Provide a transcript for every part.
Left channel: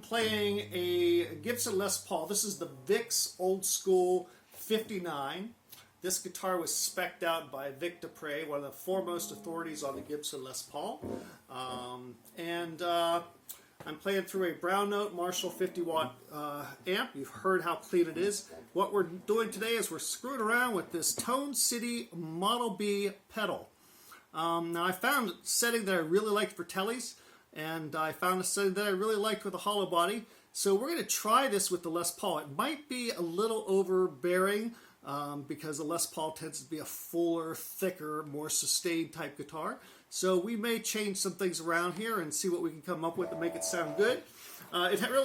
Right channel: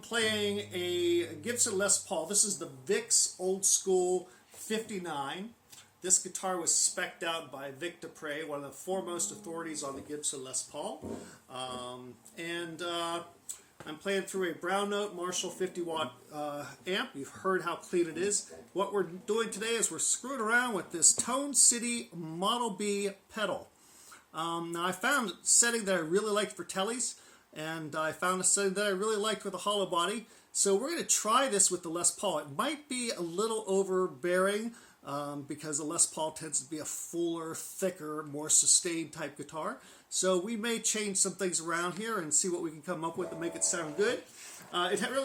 Playing a Gibson Les Paul. This is the Vic's Old School 59. This guitar was spec'd out by Vic Dupre, one of the foremost authorities on the Gibson Les Paul. I'm playing through a brown note Marshall 50-watt amp. You've heard how clean it is. What we're doing today is we're screwing around with this Tone City Model B pedal. Now I found a setting that I really liked for tellies, and I found a setting that I really liked with a hollow body. So we're going to try this with the Les Paul. It might be a little overbearing because the Les Paul tends to be a fuller, thicker, more sustained type guitar. So we may change some things around here and see what we can come up with to make it sound good.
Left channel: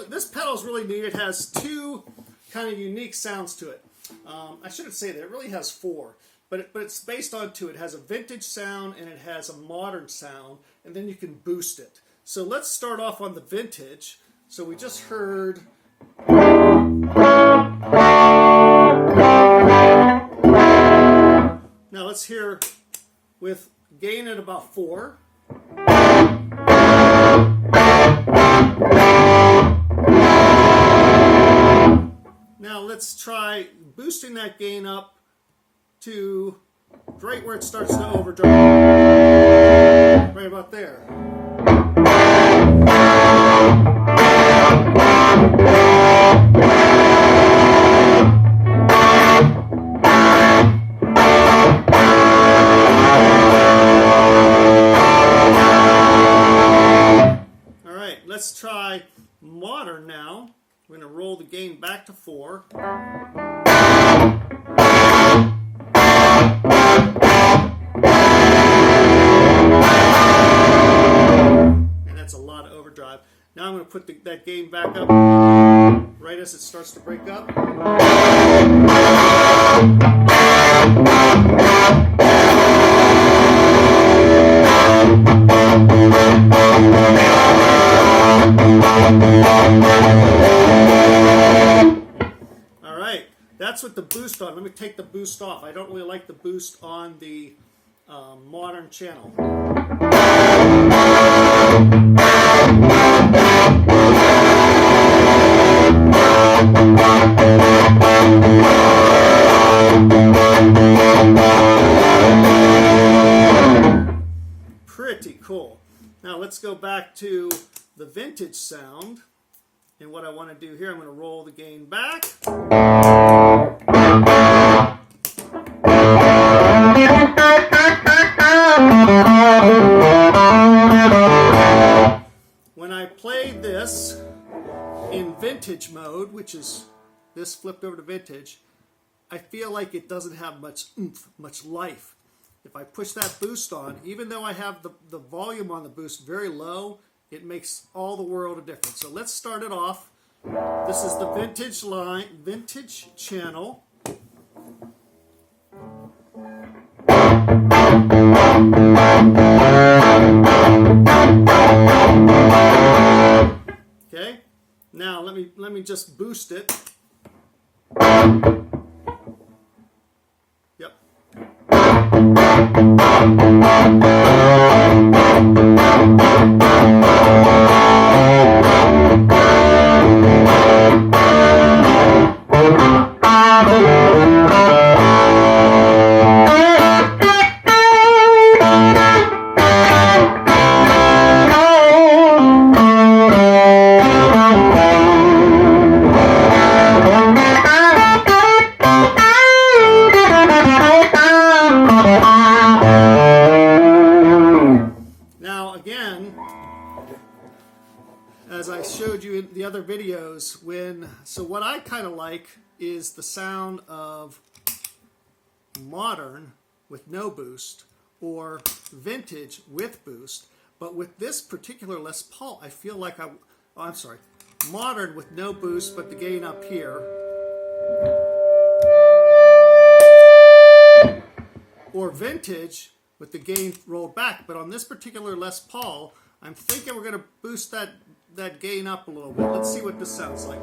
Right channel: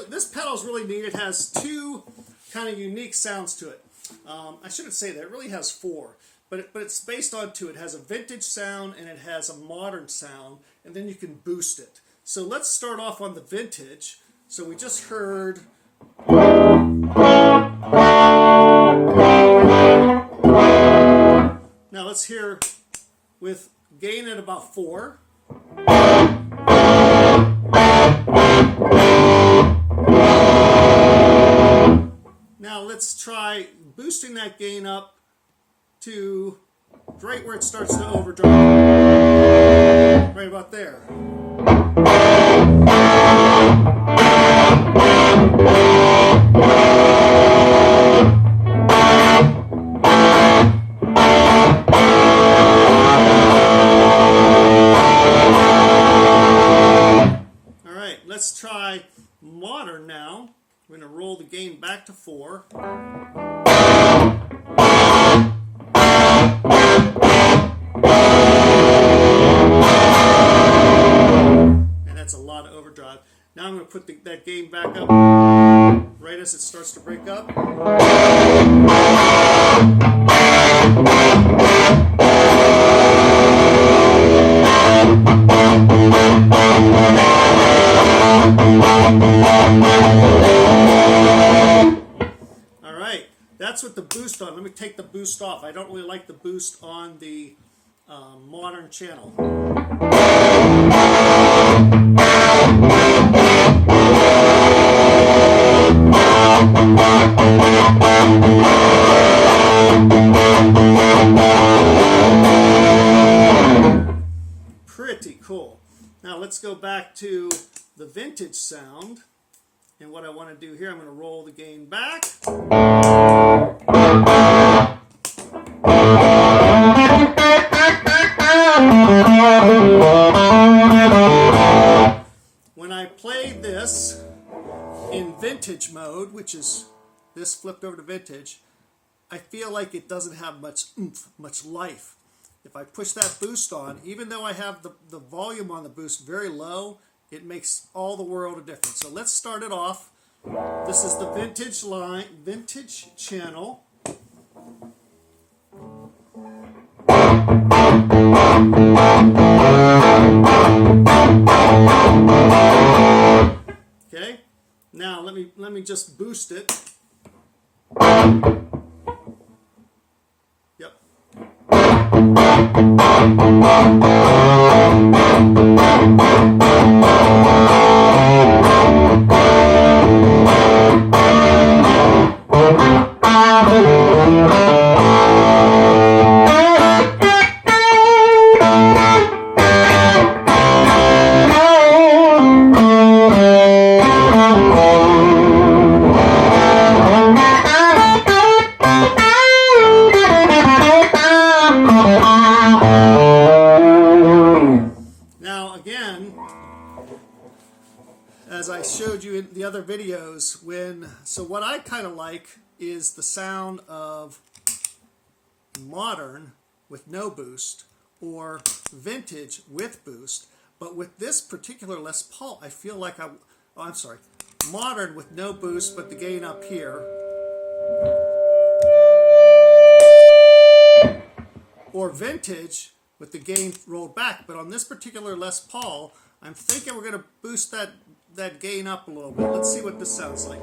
This pedal is really neat. It has two kind of unique sounds to it. I shouldn't say that. It really has four. But it's based on two. It has a vintage sound and it has a modern sound, and then you can boost it. So let's start off on the vintage. So we just heard. Now let's hear with gain at about 4. Now let's try boosting that gain up to right where it starts to overdrive. Right about there. All right, let's try modern now. We're going to roll the gain back to 4. That's a lot of overdrive. Now I'm going to put that gain back up right as it starts to break up. All right, that's with the boost on. Let me take the boost off. I don't really like the boost on the modern channel. Pretty cool. Now let's go back to the vintage sound. And what I want to do here, I'm going to roll the gain back. When I play this in vintage mode, which is this flipped over to vintage, I feel like it doesn't have much oomph, much life. If I push that boost on, even though I have the volume on the boost very low, it makes all the world of difference. So let's start it off. This is the vintage line, vintage channel. Okay, now let me just boost it. Yep. As I showed you in the other videos, so what I kind of like is the sound of modern with no boost or vintage with boost, but with this particular Les Paul, I feel like I'm sorry, modern with no boost but the gain up here, or vintage with the gain rolled back. But on this particular Les Paul, I'm thinking we're going to boost that that gain up a little bit. Let's see what this sounds like.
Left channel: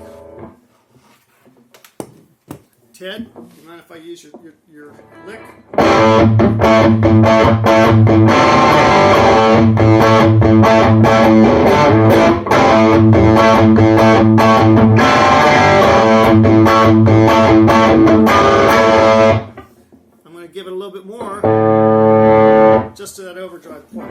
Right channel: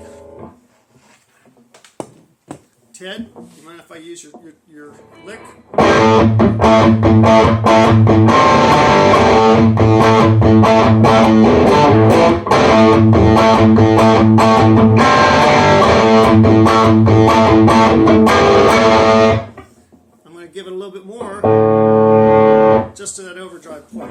Ted, do you mind if I use your lick? I'm going to give it a little bit more, just to that overdrive point.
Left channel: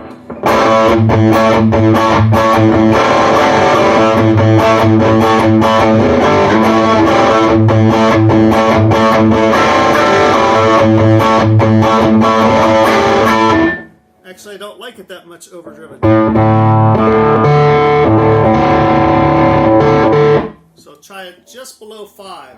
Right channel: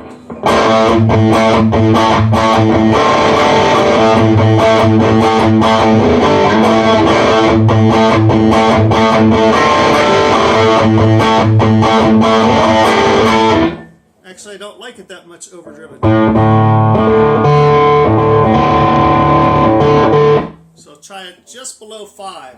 Actually, I don't like it that much overdriven. So try it just below 5.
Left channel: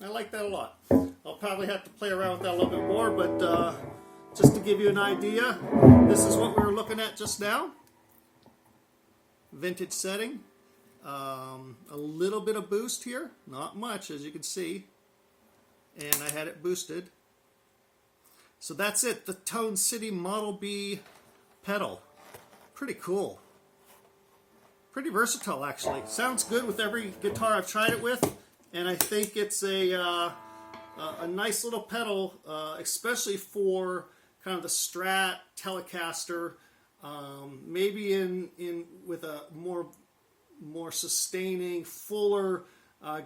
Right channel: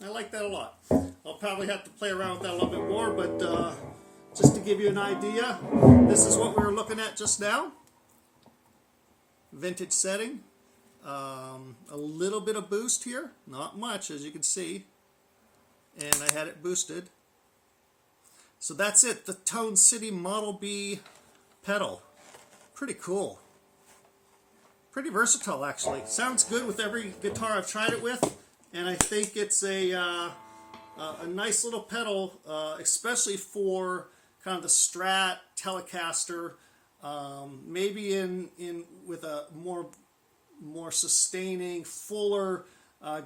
I like that a lot. I'll probably have to play around with that a little bit more, but just to give you an idea, this is what we were looking at just now. Vintage setting. A little bit of boost here, not much as you can see, and I had it boosted. So that's it, the Tone City Model B pedal. Pretty cool. Pretty versatile actually. Sounds good with every guitar I've tried it with. And I think it's a nice little pedal, especially for kind of the Strat Telecaster. Maybe in with a more sustaining, fuller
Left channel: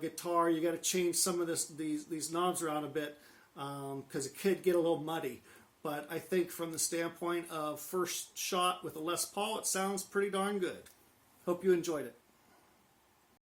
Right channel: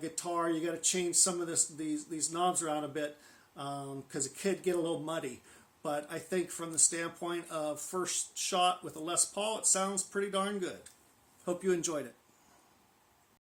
guitar, you got to change some of these knobs around a bit because it could get a little muddy. But I think from the standpoint of first shot with a Les Paul, it sounds pretty darn good. Hope you enjoyed it.